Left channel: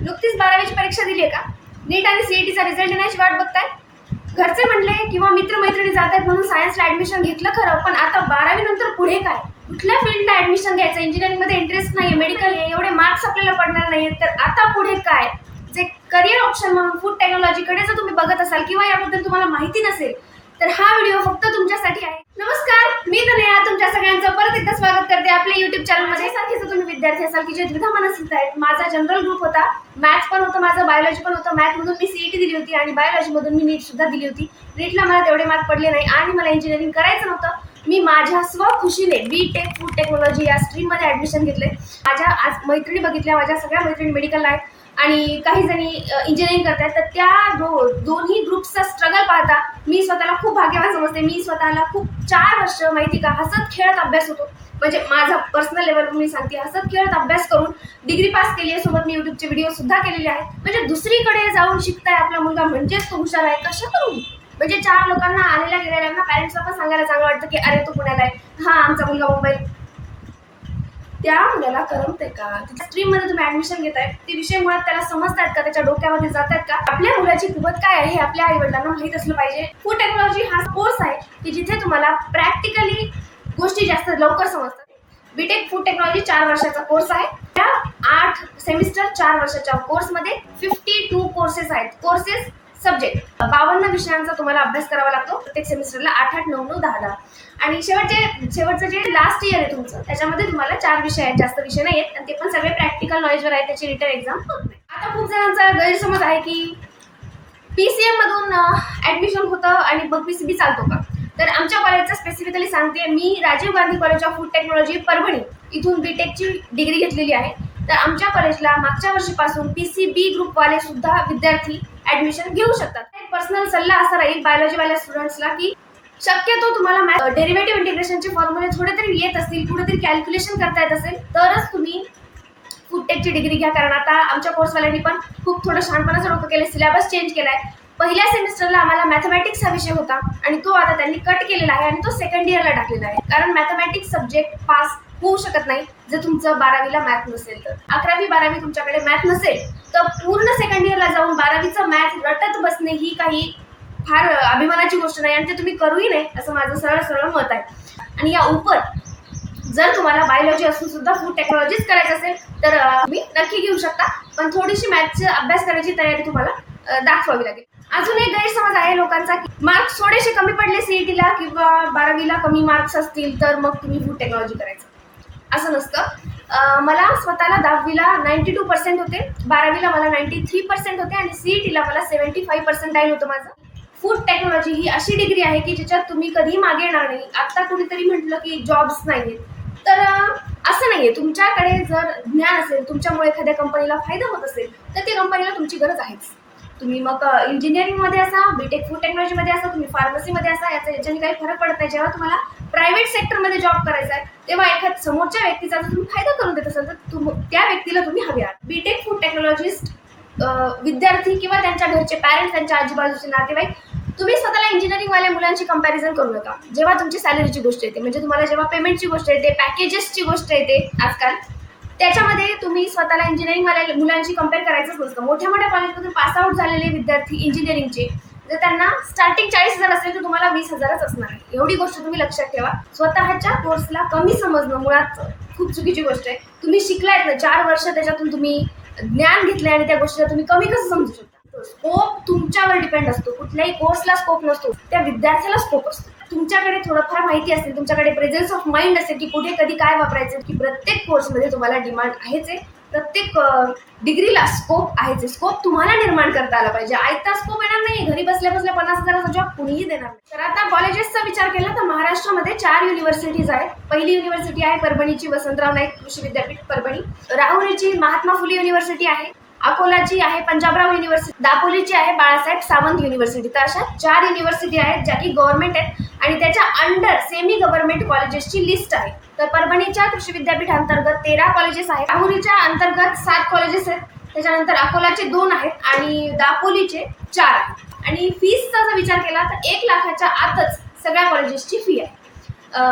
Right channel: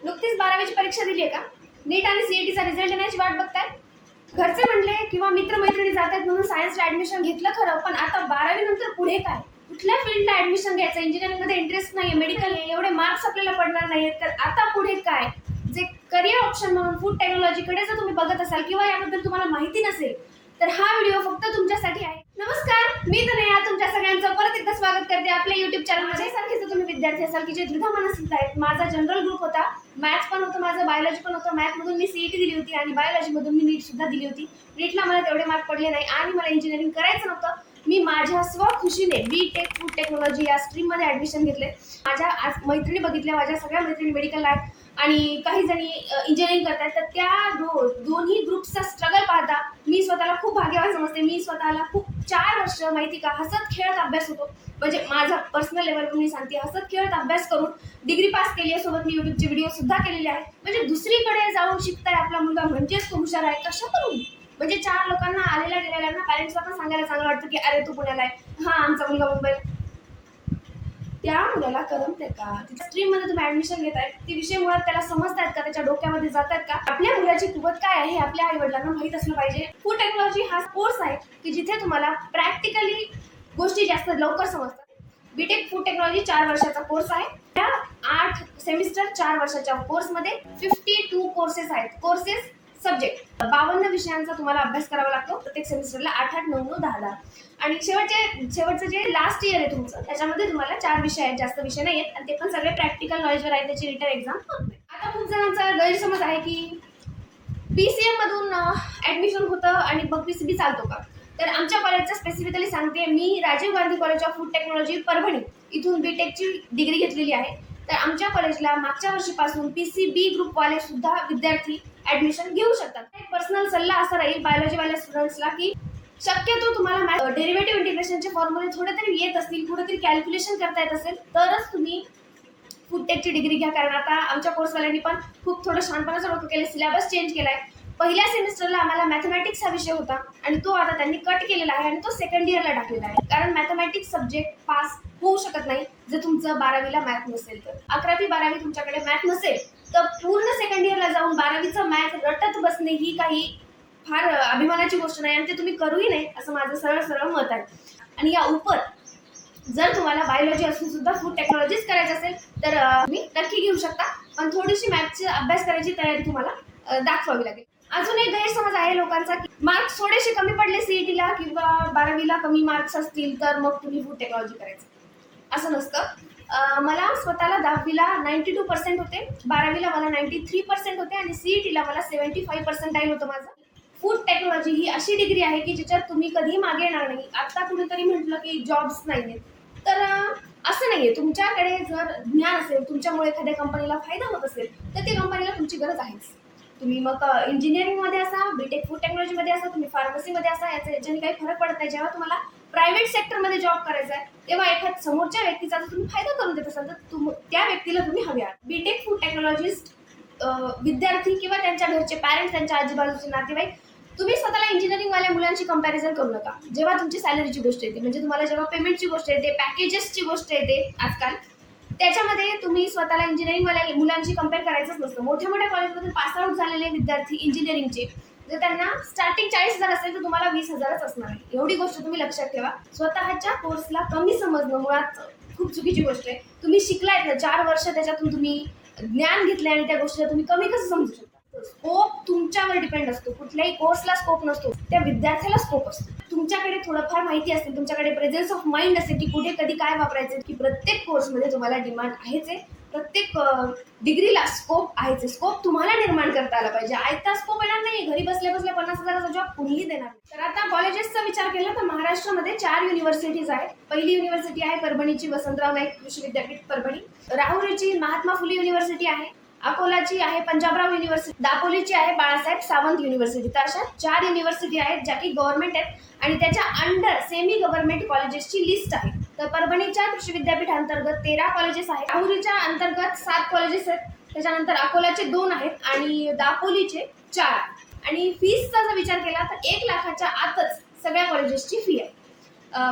नुकतीच 12वीची परीक्षा दिली आहे का? नीट आणि सीईटीचा रिझल्ट येण्याची वाट बघताय? घरचे म्हणले किंवा मित्र-मैत्रिणी जात आहेत म्हणून सायन्सला ॲडमिशन घेतलं खरं, पण आता 12वी नंतर पुढे काय? कुठल्या फील्डला ॲडमिशन घ्यायचं? इंजिनिअरिंगमध्ये इंटरेस्ट नाही आहे, मेडिकल आहे, एवढे मार्क्स आपल्याला पडणार नाहीयेत, तर आता पुढे काय? जे करियर ऑप्शन म्हणून फूड टेक्नॉलॉजीकडे जर तुम्ही बघत असाल किंवा याबद्दल तुम्हाला माहिती नसेल, तर हा व्हिडिओ फक्त तुमच्यासाठी आहे. नमस्कार, मी तनया तुमच्या सगळ्यांचं परत एकदा स्वागत करते आपल्या YouTube चॅनलमध्ये. सारखेच तुम्ही विद्यार्थी असाल की जे द्विधा मनस्थित आहेत. माझा जनरल ग्रुप होता, मॅथ्स पण होतं, माझं बायोलॉजी पण होतं. मॅथमधून मी सीईटी दिली होती आणि बायोलॉजीमधून मी नीट सुद्धा दिली होती. नीटला मला तेवढे मार्क पडले नाही आणि मला इंजिनिअरिंग करायचं नव्हतं. मी माझ्या स्वखुशीने बी.टेक फूड टेक्नॉलॉजी या स्ट्रीममध्ये ॲडमिशन घेतले. माझ्या आज मैत्रिणी बघितल्या, माझ्या सगळ्या मैत्रिणी मेडिकलला आहेत आणि काही जणी इंजिनिअरिंग करतात. तर त्या दोन्ही ग्रुप्सचा स्ट्रगल पाहता मी स्वतःला खूप भाग्यवान समजते. मी स्वतःला खूप 4 वर्ष माहिती का हसत खेळत अभ्यास होतो, म्हणजे माझा पर्सनल लेवलवर मी सांगते, हसत खेळत अभ्यास करून डिग्री पास केली आहे. सोबत मी यूट्यूबचे व्हिडिओ सुद्धा केलेले आहेत. म्हणजे दुसरीकडे जाऊन शिकताय आपला मुलगा म्हणजेच तो हुशार आहे. कशा करून? म्हणजे 4 लोकांना आलेल्या गेलेल्यांना पॅरेंट्सला पण सांगायला चांगलं वाटतं की अरे तो पुण्याला आहे, हा आमचा मुलगा मुंबई. त्या मुलाला करमते का? तिच्या स्ट्रीममध्ये तुम्ही ॲडमिशन घेताय, ते विषय मुळात त्याला समजतायत का? त्याच्या डोक्यामध्ये जातात का? आपल्या मुलाची कुवत काय आहे हे आपल्या आई वडिलांना माहीत असलं पाहिजे. फूड टेक्नॉलॉजी हा कोर्स आहे की जिथे तुम्हाला प्रॅक्टिकली गोष्टी जास्त लवकर समजतात. बीटेक फूड टेक्नॉलॉजी 4 वर्षाचा कोर्स आहे. त्या 8 सेमिस्टर 4 वर्षाच्या कोर्समध्ये 52 कोर्सेस आहेत. कोर्सेस सब्जेक्ट 52 विषयांचा तुम्हाला अभ्यास करावा लागतो प्रत्येक सेमिस्टरला. 8-8, 9-9, 10-10 आणि शेवटचं जे लास्ट इयर आहे तुमचं, त्याच्यामध्ये तुम्हाला 4 विषय आहेत, जास्त विषय नाही आहेत आणि ते पण सगळे प्रॅक्टिकल नॉलेजवर आहे. त्याची रिटन एक्झाम होत नाही. आता खूप जणांचा गैरसमज आहे की PCM मधून ॲडमिशन होतं आणि मग PCB चालतो का? तर आमच्या कॉलेजचं स्पेसिफिकली सांगते, मी Rajiv Gandhi college of food technology Parbhani इथून बीटेकची डिग्री घेतलेली आहे. तर आमच्या कॉलेजला मागच्या वर्षीपासून PCB ग्रुपवाले सुद्धा विद्यार्थी ॲडमिशन घेऊ शकतात. एक पर्सनल सल्ला असा राहील बायोलॉजीवाल्या स्टुडंट्सला की शक्यतो तुम्हाला डेरिव्हेटिव्ह इंटिग्रेशनचे फॉर्म्युले थोडे तरी येत असतील, कुठेतरी कॅल्क्युलेशन करता येत असेल, तरच तुम्ही फूड टेकची डिग्री घ्या. कारण आता आमच्या कोर्सवाल्यांनी पण खूप थोडं शहाणपणाचं डोकं केलं, सिलेबस चेंज केला आहे. पहिल्या सेमिस्टरला आम्हाला मॅथमॅटिक्स हा विषय होता आणि तो आता त्यांनी कट केलेला आहे आणि तो सेकंड इयरला टाकलेला आहे. कारण मॅथमॅटिक्स सब्जेक्ट पास होऊ शकत नाही जर तुमचं 12वीला मॅथ नसेल तर. 11वी-12वी तुमच्याकडे मॅथ नसेल तर पूर्ण सेकंड इयरला जाऊन 12वीचं मॅथ रटत बसणे ही काही फार अभिमानाची गोष्ट नाही आणि ते तुम्ही करूही नाही असं माझं सरळ मत आहे. आणि या उपर जर तुम्हाला बायोलॉजी असून सुद्धा फूड टेक्नॉलॉजीच करायचं असेल तर तुम्ही नक्की घेऊ शकता, पण थोडीशी मॅथचा अभ्यास करायची तयारी तुम्हाला दाखवावी लागेल. अजून एक गैरसमज आहे लोकांचा की मार्क्स थोडेसे कमी पडले सीईटीला किंवा 12वीला कमी मार्क्स असतील तर मग तुम्ही फूड टेक्नॉलॉजी करायचं. असं नसतं. मला स्वतःला 10वीला 92% होते, 12वीला मला 93% होते आणि सीईटीला मला 75 पर्सेंटाईल होतं माझं. फूड टेक्नॉलॉजी ही अशी डिग्री आहे की ज्याच्यात तुम्ही कधीही मागे येणार नाही. आता कुणीतरी म्हटलं की जॉब्स नाही आहेत, तर असं नाही आहे. तुमच्याकडे जर ज्ञान असेल, तुमच्यामुळे एखाद्या कंपनीला फायदा होत असेल, तर त्या कंपनीला तुमची गरज आहेच. तुम्ही मग इंजिनिअरिंगमध्ये असा, बीटेक फूड टेक्नॉलॉजीमध्ये असा, तुम्ही फार्मसीमध्ये असा, याच्याने काही फरक पडत नाही. जेव्हा तुम्हाला प्रायव्हेट सेक्टरमध्ये जॉब करायचा आहे तेव्हा एखाद्या समोरच्या व्यक्तीचा जर तुम्ही फायदा करून देत असाल तर त्या व्यक्तीला तुम्ही हवे आहात. बीटेक फूड टेक्नॉलॉजिस्ट विद्यार्थी किंवा त्यांच्या घरचे पॅरेंट्स, त्यांच्या आजूबाजूचे नातेवाईक, तुम्ही स्वतःला इंजिनिअरिंगवाल्या मुलांची कंपॅरिझन करू नका. जेव्हा तुमची सॅलरीची गोष्ट येते, म्हणजे तुम्हाला जेव्हा पेमेंटची गोष्ट येते, पॅकेजेसची गोष्ट येते आजकाल, त्याच्यामध्ये तुम्ही स्वतःला इंजिनिअरिंगवाल्या मुलांची कंपेअर करायचंच नसतं. मोठ्या कॉलेजमधून पासआउट झालेले विद्यार्थी इंजिनिअरिंगचे जर त्यांना स्टार्टिंग 40,000 असेल तर तुम्हाला 20,000च असणार आहे. एवढी गोष्ट तुम्ही लक्षात ठेवा. स्वतःच्या कोर्सला कमी समजणं मुळात खूप चुकीची गोष्ट आहे. तुम्ही शिकलायत ना 4 वर्ष, त्याच्यातून तुम्ही ज्ञान घेतलंय आणि त्या गोष्टीला तुम्ही कमी कसं समजू शकता? स्कोप तुमच्यावर डिपेंड असतो. कुठल्याही कोर्सला स्कोप नसतो, त्या विद्यार्थ्याला स्कोप असतो. तुमच्याकडे थोडंफार माहिती असेल, तुमच्याकडे प्रेझेन्स ऑफ माइंड असेल की कुठे कधी काय वापरायचं, की प्रत्येक कोर्समध्ये तुम्हाला डिमांड आहेच आहे, प्रत्येक डिग्रीला स्कोप आहेच आहे. स्कोप तुम्हाला निर्माण करता आला पाहिजे. आयता स्कोप येणार नाही. घरी बसल्या 50,000चा जॉब कुणीही देणार नाही. तर आता कॉलेजेसचा विचार केला तर महाराष्ट्रामध्ये 4 युनिव्हर्सिटीज आहेत. पहिली युनिव्हर्सिटी आहे परभणीची वसंतराव नाईक कृषी विद्यापीठ परभणी. राहुरीची महात्मा फुले युनिव्हर्सिटी आहे. अकोलाची आहे पंजाबराव युनिव्हर्सिटी. दापोलीची आहे बाळासाहेब सावंत युनिव्हर्सिटी. तर अशा 4 युनिव्हर्सिटी आहेत ज्या की गव्हर्नमेंट आहेत आणि त्याच्या अंडर सेमी गव्हर्नमेंट कॉलेजेसची लिस्ट आहे. तर परभणीच्या कृषी विद्यापीठ अंतर्गत 13 कॉलेजेस आहेत. राहुरीच्या अंतर्गत 7 कॉलेजेस आहेत. त्याच्यानंतर अकोलाचे 2 आहेत आणि दापोलीचे 4 आहेत. आणि फीसचा जर विचार केला तर 1 लाखाच्या आतच सगळ्या कॉलेजेसची फी आहे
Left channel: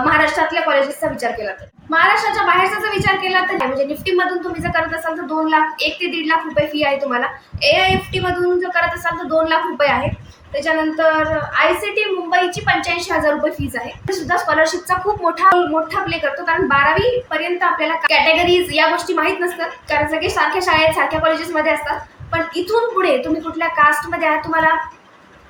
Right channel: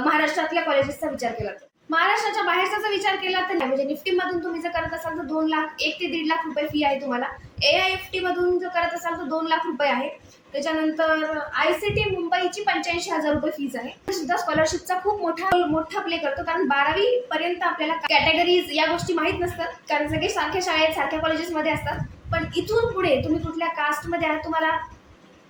महाराष्ट्रातल्या कॉलेजेसचा विचार केला तर. महाराष्ट्राच्या बाहेरचा जर विचार केला तर म्हणजे निफ्टीमधून तुम्ही जर करत असाल तर 2 लाख 1 ते 1.5 लाख रुपये फी आहे तुम्हाला. AIFT मधून जर करत असाल तर 2 लाख रुपये आहे. त्याच्यानंतर ICT मुंबईची 85,000 रुपये फीज आहे. ते सुद्धा स्कॉलरशिपचा खूप मोठा प्ले करतो, कारण 12वी पर्यंत आपल्याला कॅटेगरीज या गोष्टी माहीत नसतात, कारण सगळे सारख्या शाळेत सारख्या कॉलेजेसमध्ये असतात. पण इथून पुढे तुम्ही कुठल्या कास्टमध्ये आहात, तुम्हाला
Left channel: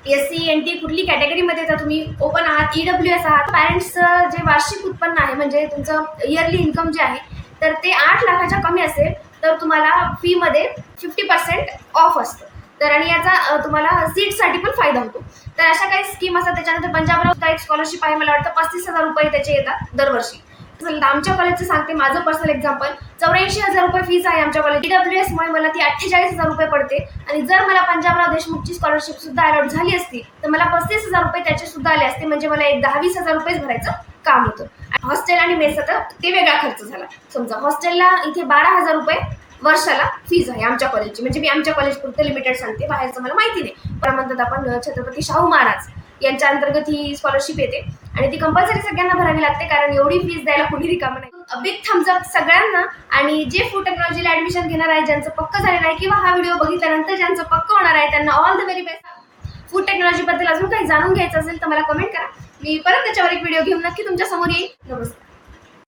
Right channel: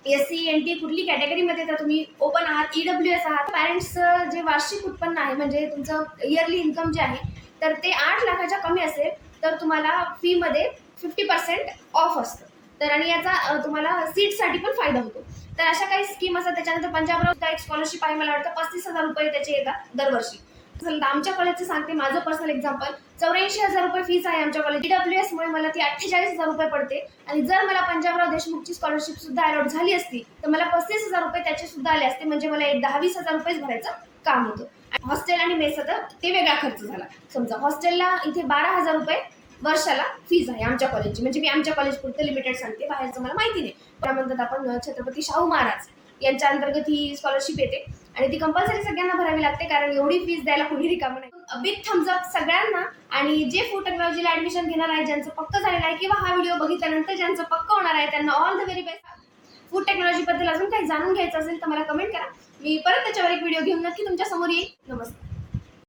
SC NT कुठली कॅटेगरीमध्ये येतात, तुम्ही ओपन आहात, EWS आहात, पॅरेंट्सचं जे वार्षिक उत्पन्न आहे म्हणजे तुमचं इयरली इन्कम जे आहे तर ते 8 लाखाच्या कमी असेल तर तुम्हाला फीमध्ये 50% ऑफ असतं. तर आणि याचा तुम्हाला सीटसाठी पण फायदा होतो. तर अशा काही स्कीम असतात. त्याच्यानंतर पंजाबराव सुद्धा एक स्कॉलरशिप आहे, मला वाटतं 35,000 रुपये त्याचे येतात दरवर्षी. आमच्या कॉलेजचं सांगते, माझं पर्सनल एक्झाम्पल, 84,000 रुपये फीस आहे आमच्या कॉलेज. EWS मुळे मला ती 48,000 रुपये पडते. आणि जर मला पंजाबराव देशमुखची स्कॉलरशिप सुद्धा अलॉट झाली असती तर मला 35,000 रुपये त्याचे सुद्धा आले असते, म्हणजे मला एक 10-20,000 रुपयेच भरायचं काम होतं. हॉस्टेल आणि मेसचा तर ते वेगळा खर्च झाला. समजा हॉस्टेलला इथे 12,000 रुपये वर्षाला फीज आहे आमच्या कॉलेजची, म्हणजे मी आमच्या कॉलेज पुरतं लिमिटेड सांगते, बाहेरचं मला माहिती नाही. पण म्हणतात आपण छत्रपती शाहू महाराज यांच्या अंतर्गत ही स्कॉलरशिप येते आणि ती कंपल्सरी सगळ्यांना भरावी लागते, कारण एवढी फीज द्यायला कुणी रिकामं नाही. बिग थम्स अप सगळ्यांना. आणि जे फूड टेक्नॉलॉजीला ऍडमिशन घेणार आहे, ज्यांचं पक्क झालेलं आहे किंवा हा व्हिडिओ बघितल्यानंतर ज्यांचं पक्क होणार आहे, त्यांना all the very best. Food टेक्नॉलॉजीबद्दल अजून काही जाणून घ्यायचं असेल तर मला कमेंट करा, मी परत त्याच्यावर एक व्हिडिओ घेऊन नक्की तुमच्या समोर येईल. नमस्कार.